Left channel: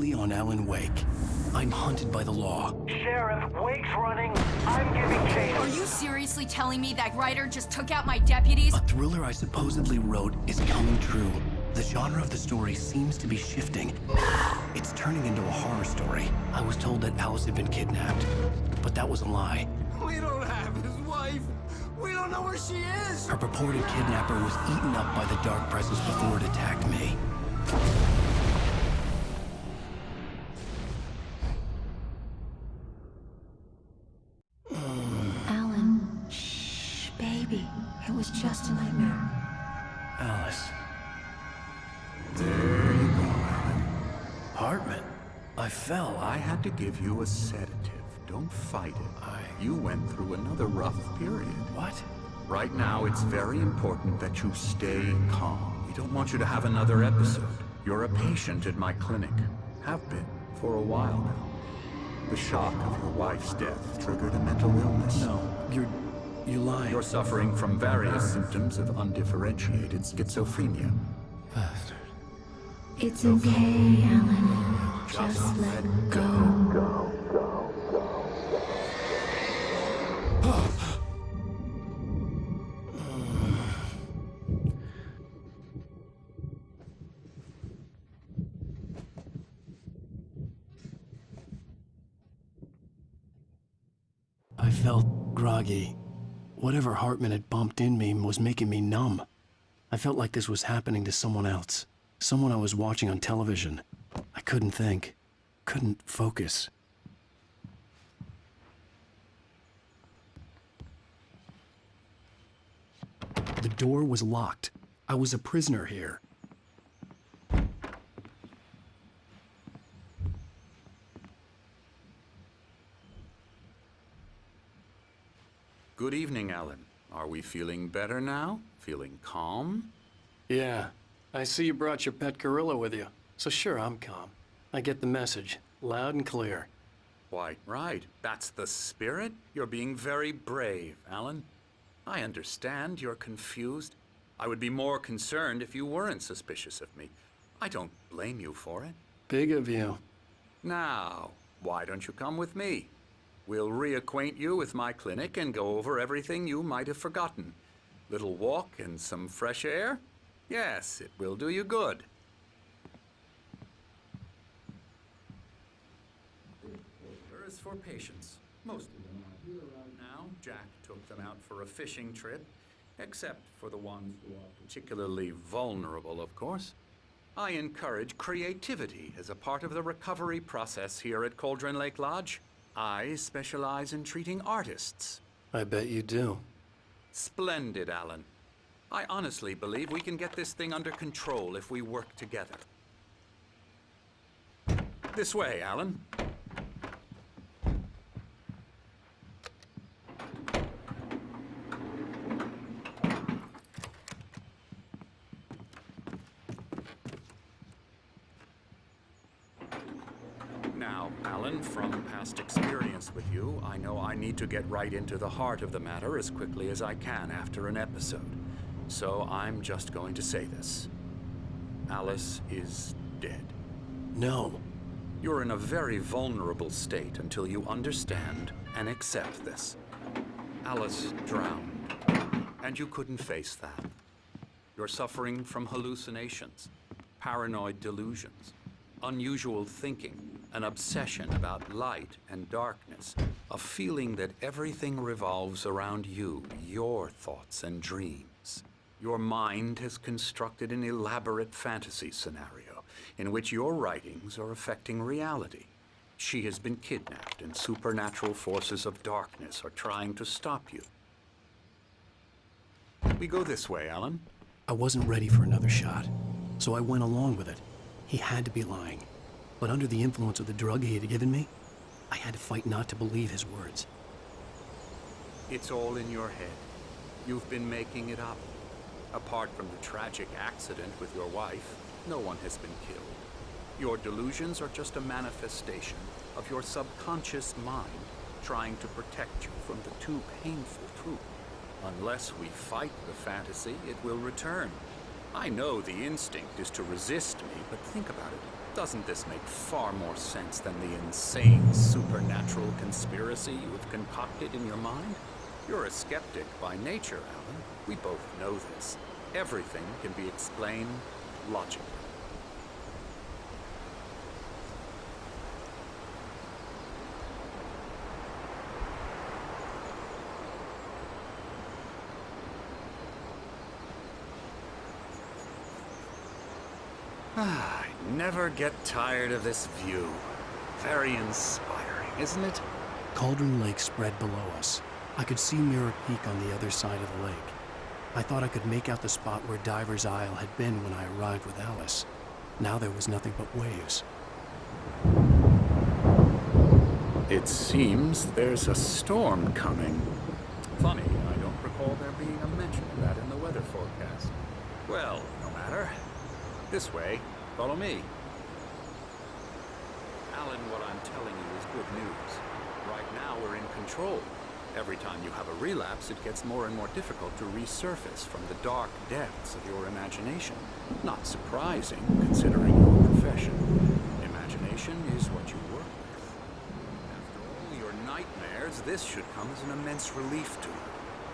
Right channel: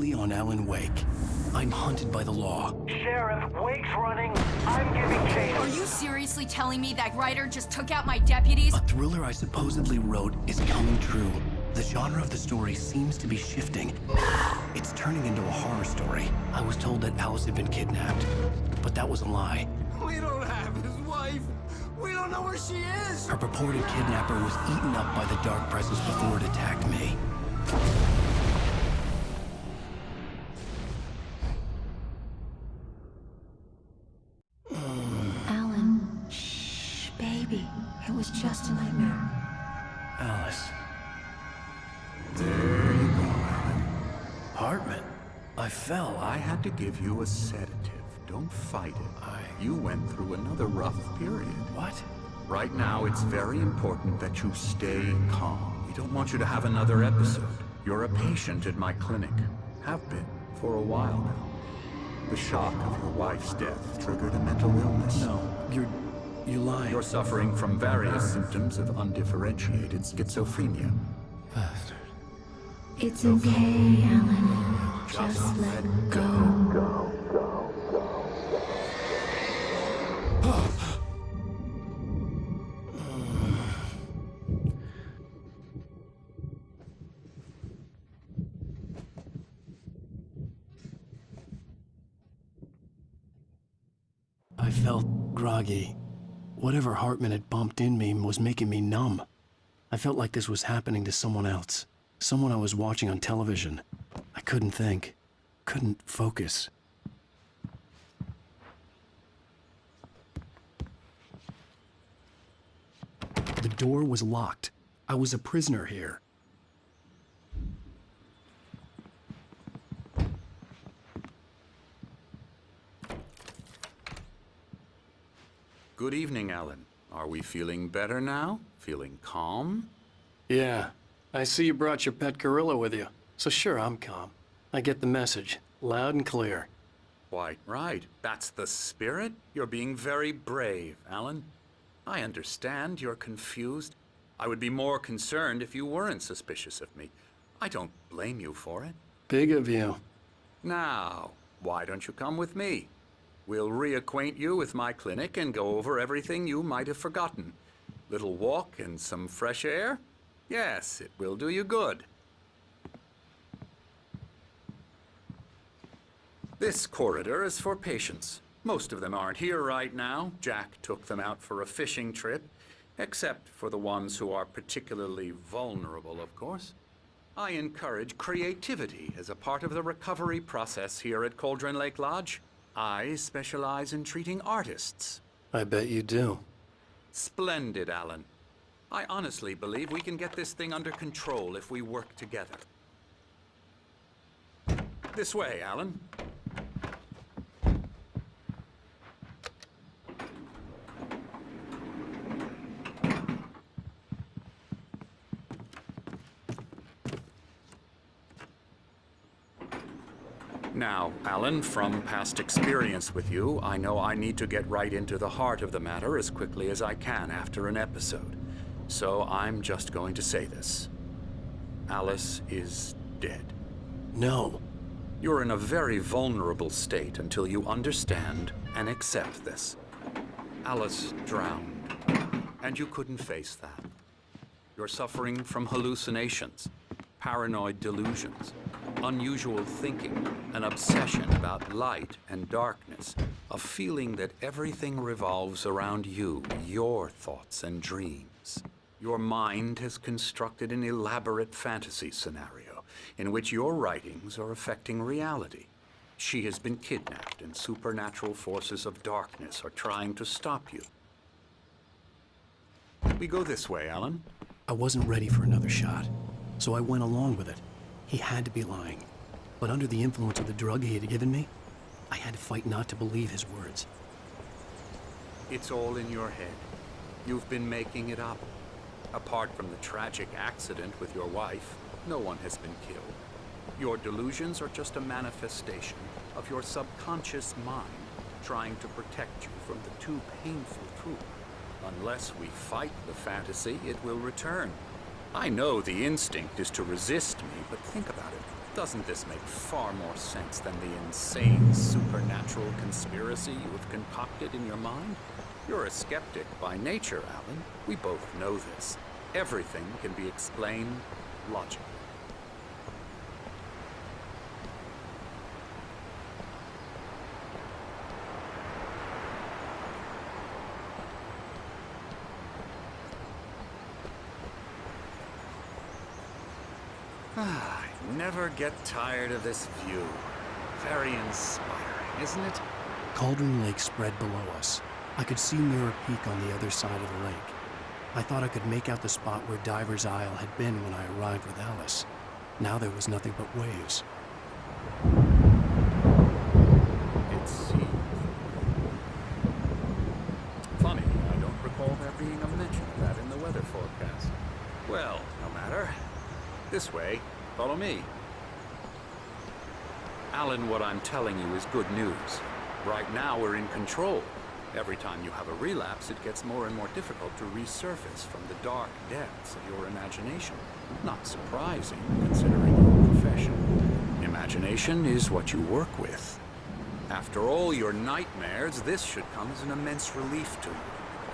exclusively on Alan Wake. I'm hunted by the law. Sheriff, Wake's running. I'm giving chase. Are you seriously telling me that writer just took out my deputies? A thriller I supposedly wrote is coming true. The genre of the story seems to be shifting. It's turning into a horror story. I was told that Alice had been kidnapped, but that was a lie. We don't have his wife. We don't know where she is. Her purported kidnapper was eaten up by the dark presence before it attacked me. Alan, shh, baby. It was just a nightmare. Alice. There you go, Alan. Hartman. I fell. I had to give you a sedative. Don't fight it. You went through another rough period. What? Right now, it's very important that you stay calm. We don't want you to have another episode. You're a patient at my clinic. Have been for a while now. The shock of your wife's death triggered a mental illness. No, you're lying. You're suffering from various symptoms of undifferentiated schizophrenia. Bastard. It's okay, Alan. Just let go. I felt groggy. Whatever Hartman had bumped in me was making me numb. I felt like this was happening to someone else. Someone I was watching on television. I couldn't think. Couldn't focus. The door was locked. I was a prisoner here. Good evening, Alan. Are we feeling better now? Feeling calm? Yeah. I see you brought your pet gorilla with you. So sure, I'm calm. I get the message. Loud and clear. Quite right. That's the spirit. You're being very brave, Alan. I understand you're confused. I would be more concerned if you weren't suspicious of me. I don't blame you for it. Big of you. Now, why don't you come with me? We'll reacquaint you with my clinic and go over everything you might have forgotten. Little walk and some fresh air? Yes, it will do you good. This corridor is for patients. Most of them aren't here right now. Jack took them out for a fishing trip, except for the ones who are particularly vulnerable, of course. I encourage creativity as a part of the recovery process here at Cauldron Lake Lodge. I specialize in treating artists. I bet you do. Splendid, Alan. I honestly believe we can get this thing under control if we work together. This way, Alan. Now, Alan, from past experience with you, I know I need to get right into the heart of the matter as quickly as I can after an episode. So I'm just going to say this. Alice is dead. No. You're in a very vulnerable state until you understand and accept this. Alice drowned, and you couldn't face that. You're suffering from hallucinations, paranoid delusions, unusual thinking, an obsession about light and darkness, a feeling that everything revolves around you, your thoughts and dreams. Your mind has constructed an elaborate fantasy scenario in which your writings are affecting reality. She has been kidnapped and supernatural forces of darkness are trying to stop you. We go this way, Alan. I wasn't ready for another shot, so I went along with it. He had to be lying. But under the influence of the drug he had given me, I had to fight not to believe his words. It's all in your head. You've been making it up. Apart from the tragic accident with your wife, no one has been killed. Your delusions are just a manifestation of your subconscious mind trying to protect you from the too painful truth. Unless we fight the fantasy, it will return. I know the instinct is to resist me, but think about it. Doesn't this make far more sense than the insane supernatural conspiracy you have concocted in your mind? You're a skeptic by nature, Alan. We both know this. Everything can be explained logically. I never get tired of this view. Very inspiring, isn't it? Cauldron Lake spread below us. I could see Mirror Peak on the other side of the lake. I thought I could make out the spot where Diver's Isle had been when I arrived with Alice. Now there was nothing but waves. It seems there's a storm coming. Funny, I don't recall there being a mention of that in the weather forecast. Well, no matter. This way. Follow me. Alan, what I'm telling you is good news. Right now, we're in control. Every time you have a relapse, it gets more and more difficult to resurface from the dark depths of your imagination. Not surprising, considering your profession. Imagination is what you work with. After all your nightmares, this should come as an immense relief to you.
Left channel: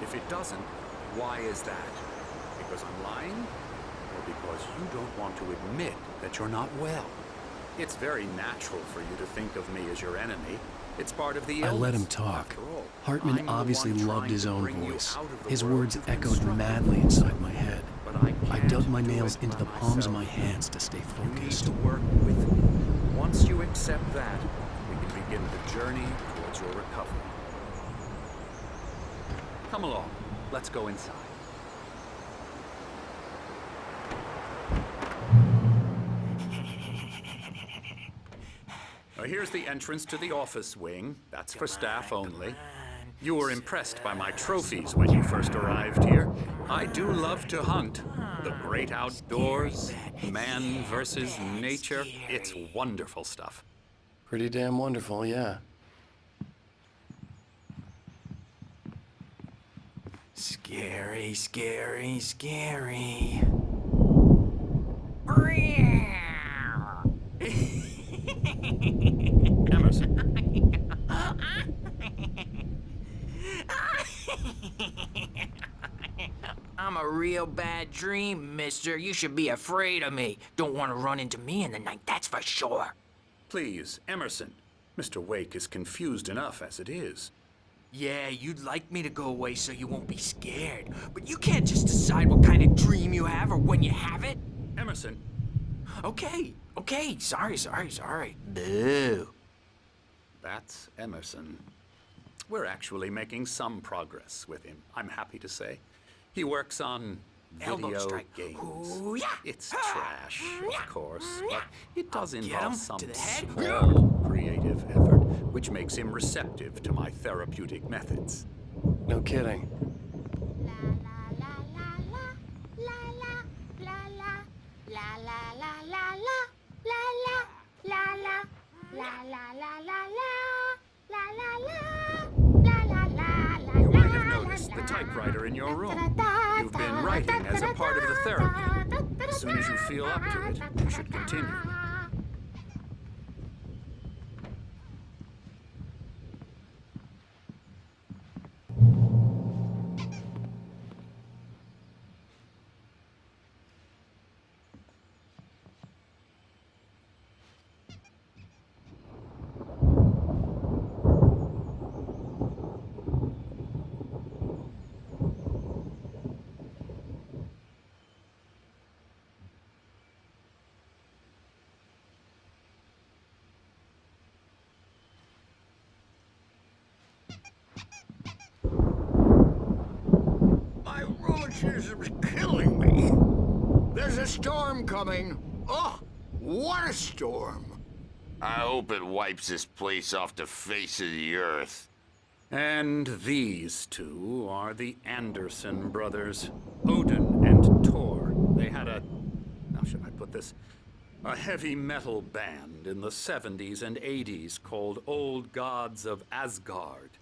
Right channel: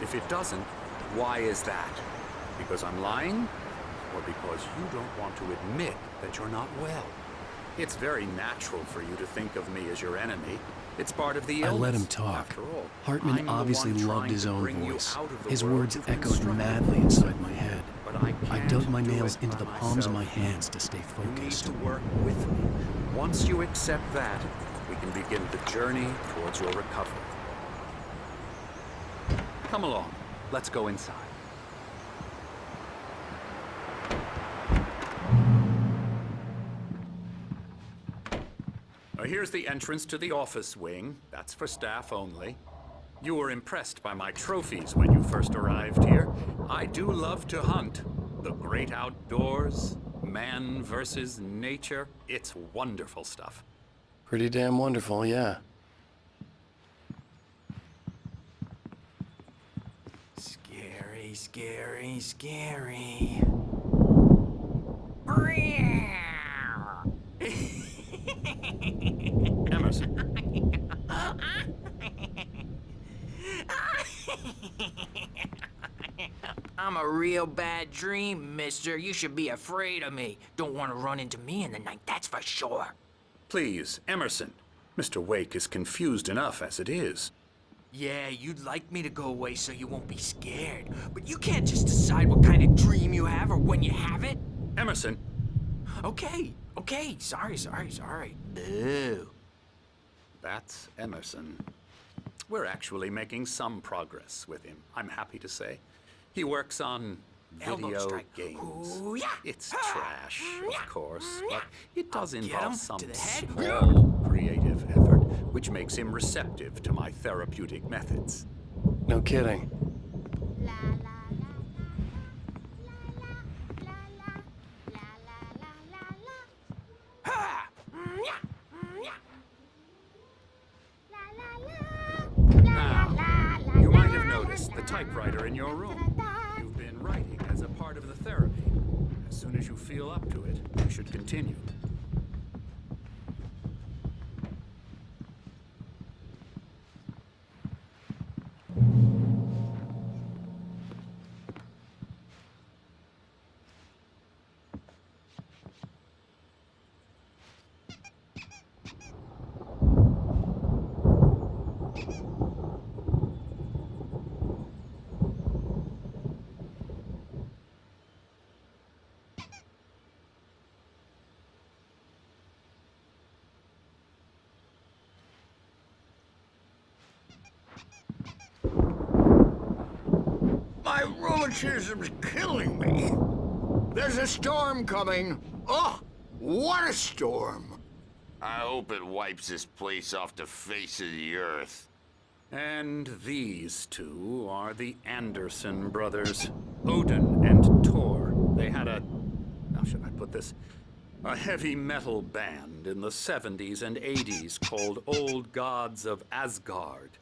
If it doesn't, why is that? Because I'm lying? Or because you don't want to admit that you're not well? It's very natural for you to think of me as your enemy. It's part of the illness. I let him talk. Hartman obviously loved his own voice. His words echoed madly inside my head. I dug my nails into the palms of my hands to stay focused. You need to work with me. Once you accept that, we can begin the journey towards your recovery. Come along. Let's go inside. Here's the entrance to the office wing. That's for staff only. You were impressed by my trophies when you first arrived here. I do love to hunt. The great outdoors, man versus nature. It's wonderful stuff. Pretty damn wonderful, yeah. Scary, scary, scary. Emerson. I'm a real bad dream, mister. You should be afraid of me. Don't want to run into me in the night, that's for sure. Please, Emerson. Mr. Wake is confused enough as it is. Yeah, you'd like me to go away so you won't be scared. But you can't just decide what kind of dream you have or when you have it. Emerson. Okay. Sorry. Boo. That's Emerson. We're actually making some progress with him, I'm happy to say. He works on video games. Ooh, yeah. It's trash, of course, but it does I'll get involve him some to the head. small creative effort, which makes him receptive to my therapeutic methods. No kidding. You might have noticed the typewriter in your room. You've been writing as a part of the therapy. As soon as you feel up to it, you should continue. My rheumatism's killing me. There's a storm coming. Oh, what a storm. I hope it wipes this place off the face of the earth. And these two are the Anderson brothers, Odin and Tor. They had how should I put this? A heavy metal band in the 70s and 80s called Old Gods of Asgard.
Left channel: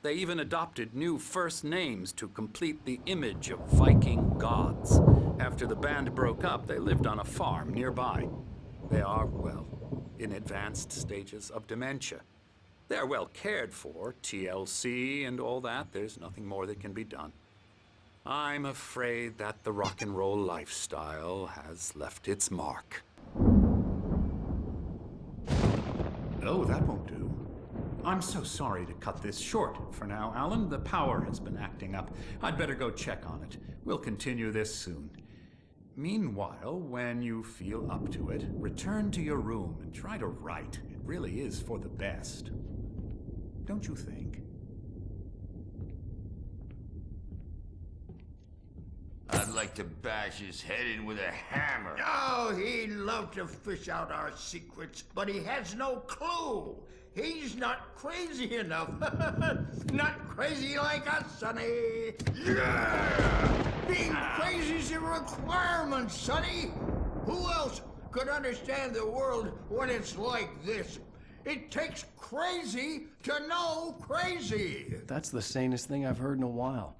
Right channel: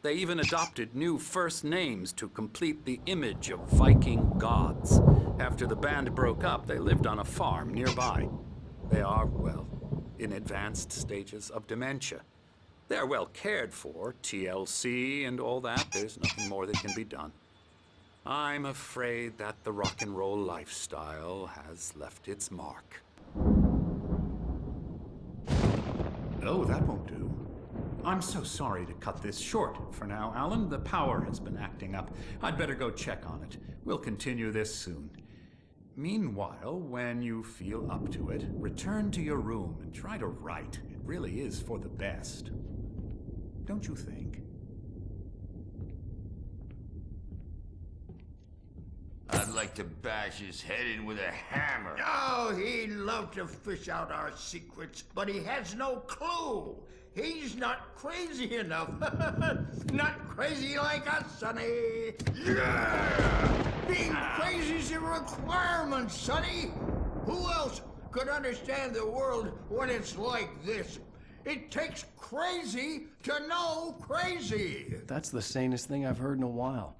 They even adopted new first names to complete the image of Viking gods. After the band broke up, they lived on a farm nearby. They are, well, in advanced stages of dementia. They're well cared for, TLC and all that. There's nothing more that can be done. I'm afraid that the rock and roll lifestyle has left its mark. Oh, that won't do. I'm so sorry to cut this short for now, Alan. The power has been acting up. I'd better go check on it. We'll continue this soon. Meanwhile, when you feel up to it, return to your room and try to write. It really is for the best. Don't you think? I'd like to bash his head in with a hammer. Oh, he'd love to fish out our secrets, but he has no clue. He's not crazy enough. Not crazy like us, Sonny. Yeah! Being crazy's a requirement, Sonny. Who else could understand the world when it's like this? It takes crazy to know crazy. That's the sanest thing I've heard in a while.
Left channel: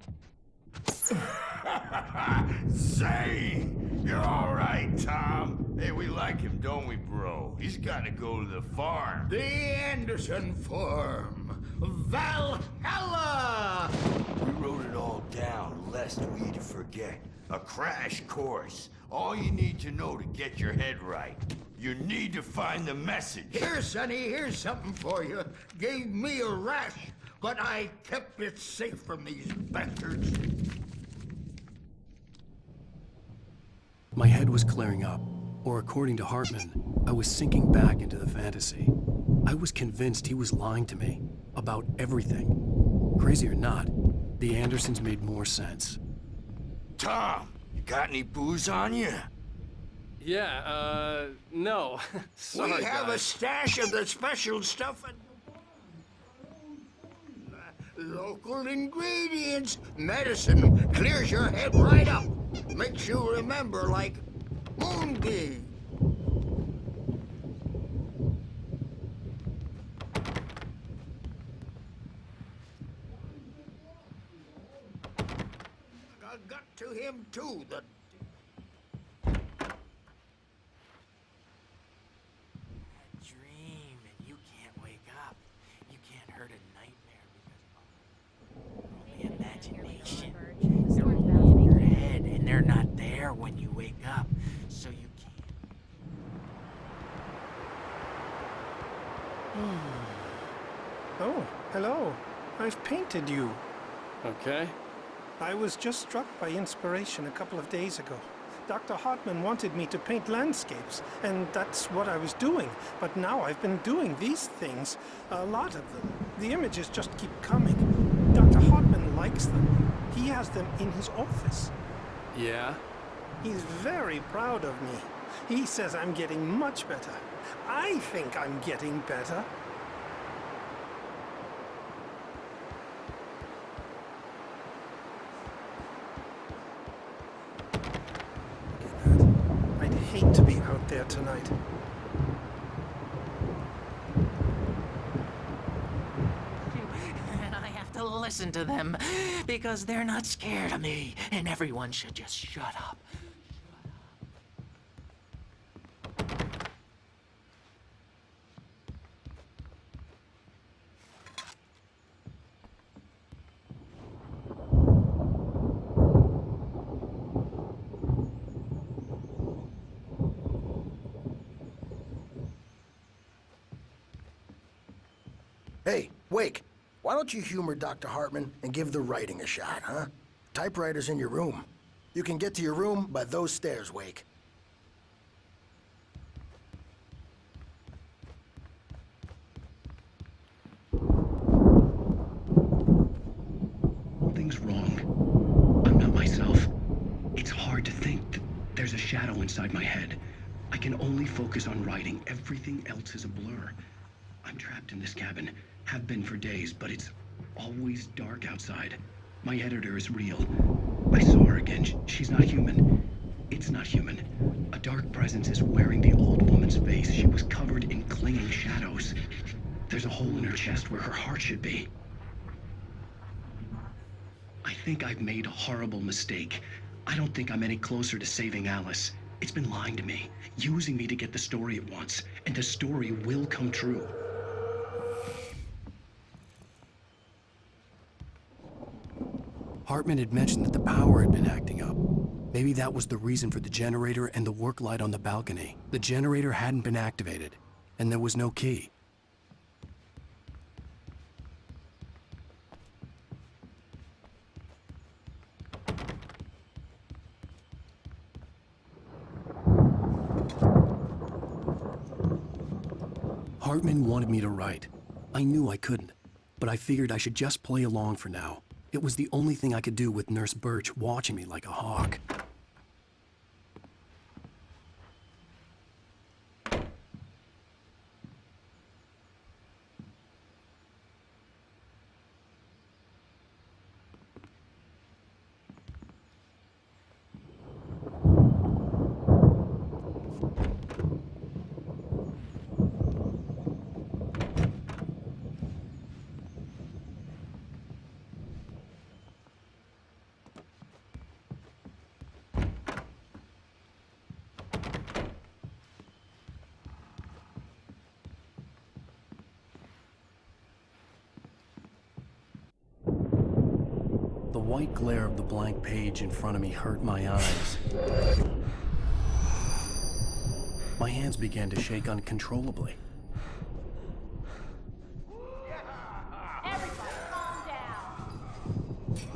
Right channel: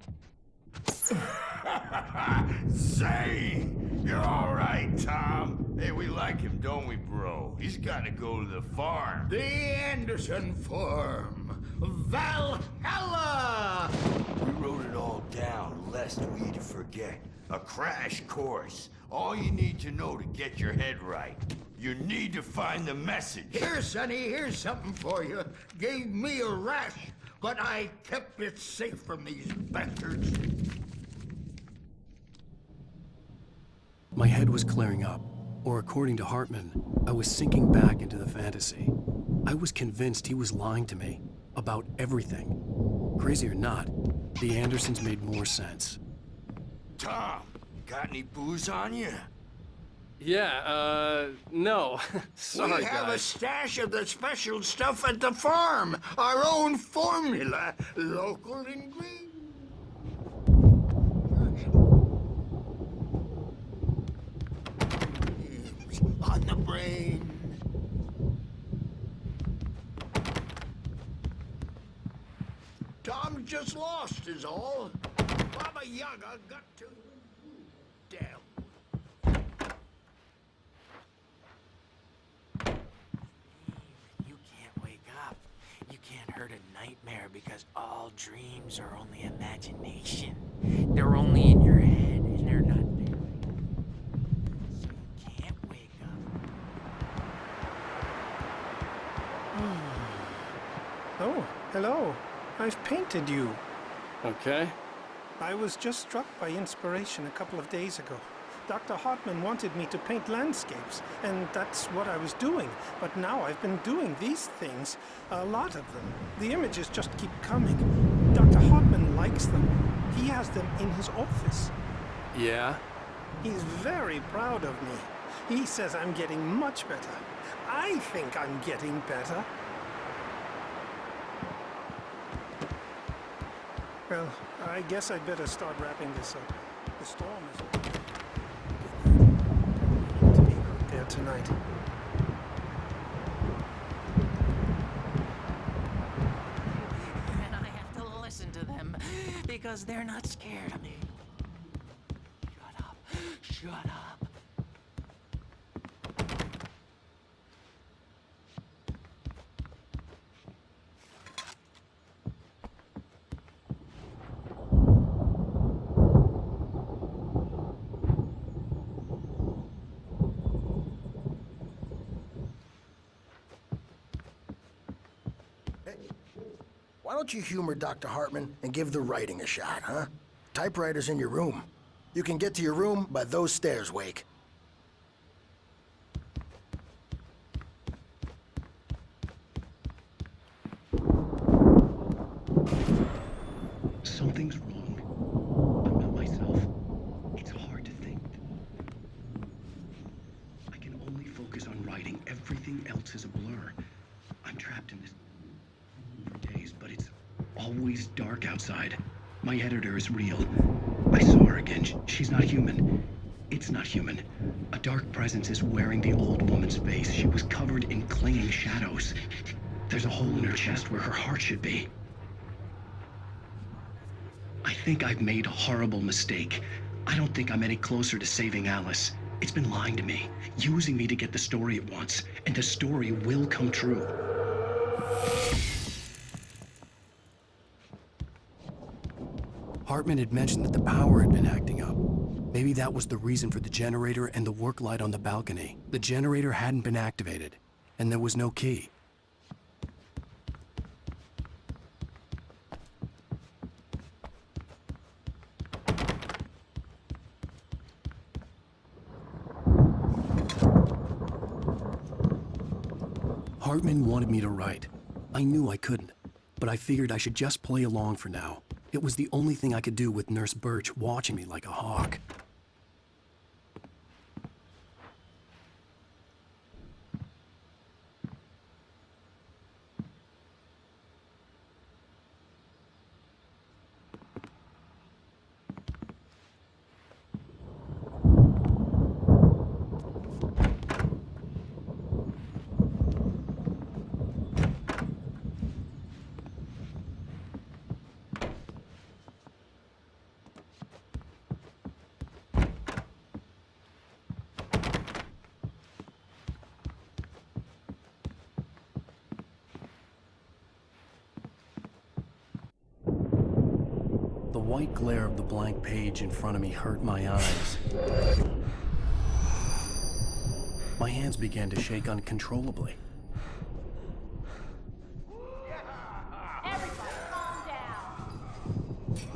Zane! You're all right, Tom. Hey, we like him, don't we, bro? He's got to go to the farm. The Anderson Farm. Valhalla! We wrote it all down, lest we forget. A crash course. All you need to know to get your head right. You need to find the message. Here, Sonny, here's something for you. Gave me a rash, but I kept it safe from these bastards. My head was clearing up, or according to Hartman, I was sinking back into the fantasy. I was convinced he was lying to me about everything. Crazy or not, the Andersons made more sense. Tom, you got any booze on you? Yeah, no. Sorry, we have guys. a stash of the special stuff at the farm. Our own formula. Local ingredients. Medicine clears your head right up. Makes you remember like moonbeams on the brain. Tom's just lost is all. Baba Yaga got to him too, the damn. Dream and you can't wake up. You can't hurt a nightmare because all dreams are only imagination. They're only in your head and they're not there when you wake up. So you can't wake up. Oh, hello. I've painted you. Okay. I was just struck by inspiration a couple of days ago. Dr. Hartman wanted me to paint landscapes, and that's what I was doing. But now I've been doing these things, a lot of them. The images just keep coming. Dr. Hartman likes them. He has them in his office. Yeah? He's very proud of me. He says I'm getting much better. I think I'm getting better. Well, I guess I'd better start wrapping this up. The storm is... Look at that. I'd hate to be out there tonight. And I have to listen to them because they're not scared of me. And everyone should just shut up. Shut up. Hey, Wake, why don't you humor Dr. Hartman and give the writing a shot, huh? Typewriter's in your room. You can get to your room by those stairs, Wake. Something's wrong. I'm not myself. It's hard to think that there's a shadow inside my head. I can only focus on writing. Everything else is a blur. I'm trapped in this cabin. Have been for days, but it's always dark outside. My editor is real. I saw her again. She's not human. It's not human. A dark presence is wearing the old woman's face. She was covered in clinging shadows. There's a hole in her chest where her heart should be. I think I've made a horrible mistake. I don't think I'm any closer to saving Alice. It's been lying to me, using me to get the story it wants, and the story will come true. Hartman had mentioned that the power had been acting up. Maybe that was the reason for the generator and the work light on the balcony. The generator hadn't been activated, and there was no key. Hartman wanted me to write. I knew I couldn't, but I figured I should just play along for now. It was the only thing I could do with Nurse Birch watching me like a hawk. The white glare of the blank page in front of me hurt my eyes. My hands began to shake uncontrollably. Everybody, calm down.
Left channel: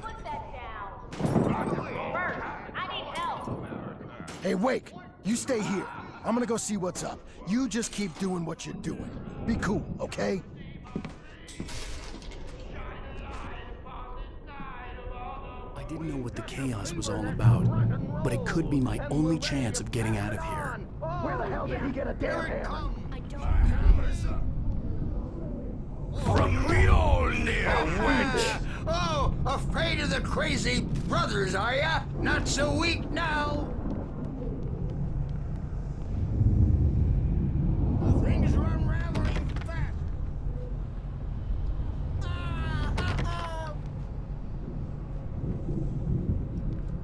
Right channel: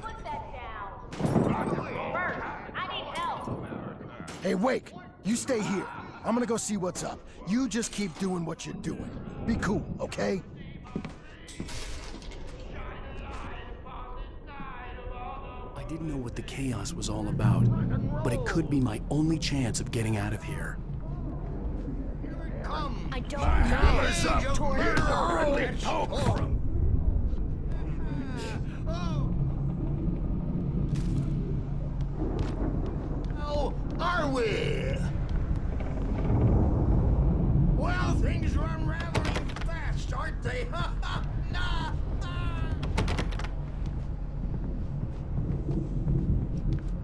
Put that down. First, I need help. Hey, Wake, you stay here. I'm gonna go see what's up. You just keep doing what you're doing. Be cool, okay? I didn't know what the chaos was all about, but it could be my only chance of getting out of here. Where the hell did he get a damn hammer? I don't My hammer's up. Poke from Mjolnir, wench! Oh, afraid of the crazy brothers, are ya? Not so weak now, are we? Well, things are unraveling fast, aren't they?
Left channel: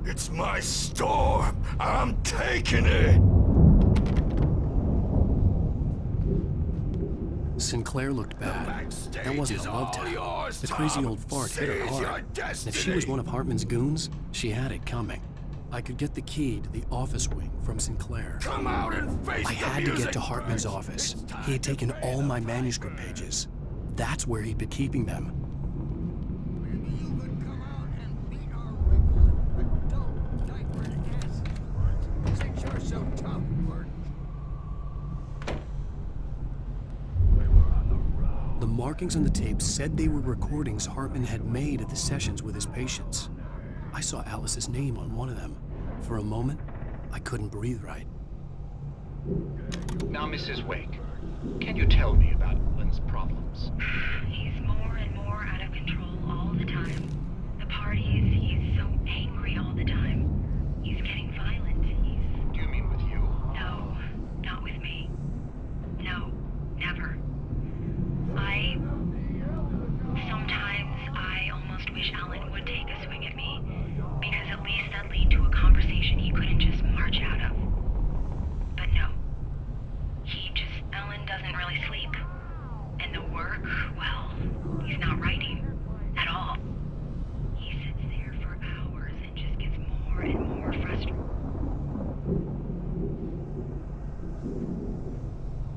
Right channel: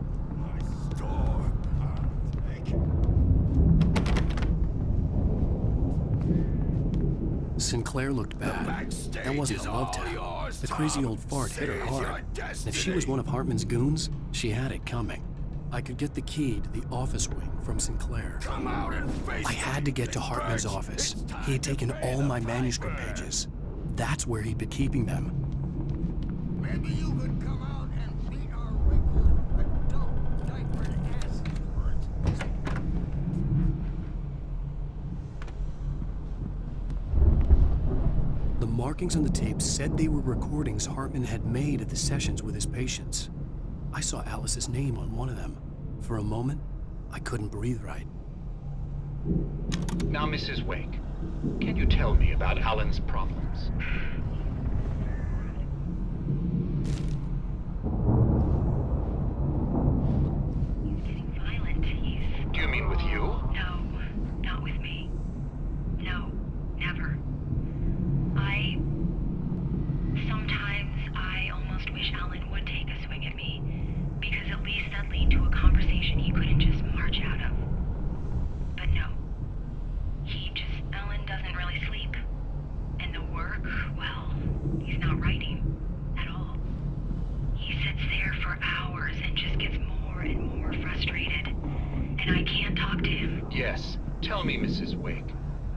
It's my store. I'm taking it. Sinclair looked bad. That wasn't a love tap. The crazy old fart hit her hard. If she was one of Hartman's goons, she had it coming. I could get the key to the office wing from Sinclair. Come out and face I had to get to Hartman's office. He had taken all my manuscript pages. That's where he'd been keeping them. Maybe you could come out and beat our wrinkled adult diapered asses for it, since you're so tough for it. The markings on the tape said they were recordings Hartman had made at the sessions with his patients. I saw Alice's name on one of them. For a moment, I couldn't breathe right. Now, Mrs. Wake, can you tell me about Alan's problems? He's more and more out of control all the time. The parties, he's so angry all the time. He's getting violent. Do you mean with you? No, not with me. No, never. Sometimes I almost wish Alan would take a swing at me, because at least that'd lead to a conversation he couldn't just march out of. But no. Alan doesn't really sleep. And the work, well, he's not writing at all. He sits there for hours and just gets more and more frustrated. And I can't talk to him. Yes. Tell me, Mrs. Wake,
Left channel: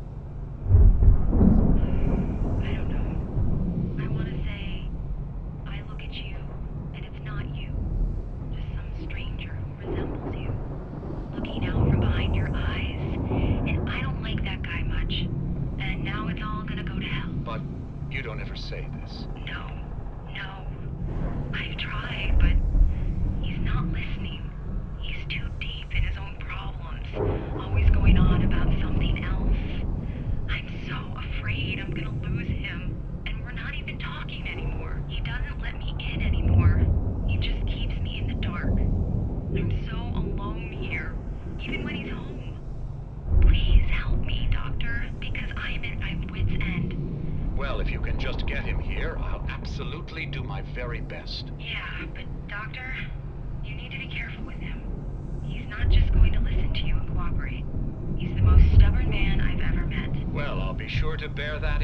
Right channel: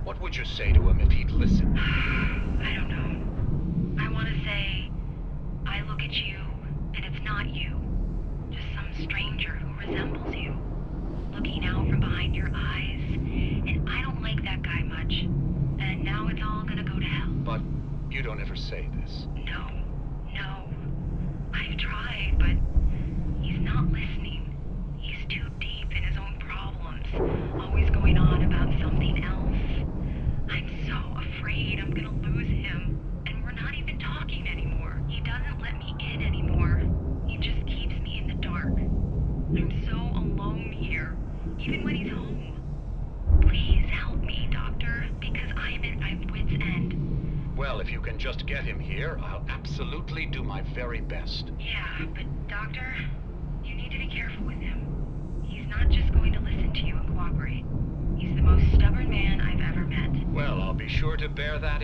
what would you say to him if he'd listen? I don't know. I want to say, I look at you, and it's not you. Just some stranger who resembles you. Looking out from behind your eyes. And I don't like that guy much. And now it's all gonna go to hell. But you don't ever say this. No. I've tried, but he's not listening. He's too deep in his own problems. Always going on about something else. I'm so afraid I'm gonna lose him. And we're not even talking anymore. He doesn't let me in anymore. He just keeps me in the dark. I'm so alone here, even when he's home. Please help me, Doctor, because I'm at my wit's end. Well, if you can just get him here, I'll absolutely do my very best. Yeah, but Doctor, you need to be careful with him. He's not just going to listen to you and the most stubborn man I've ever met. Well, I'll be sure to bear that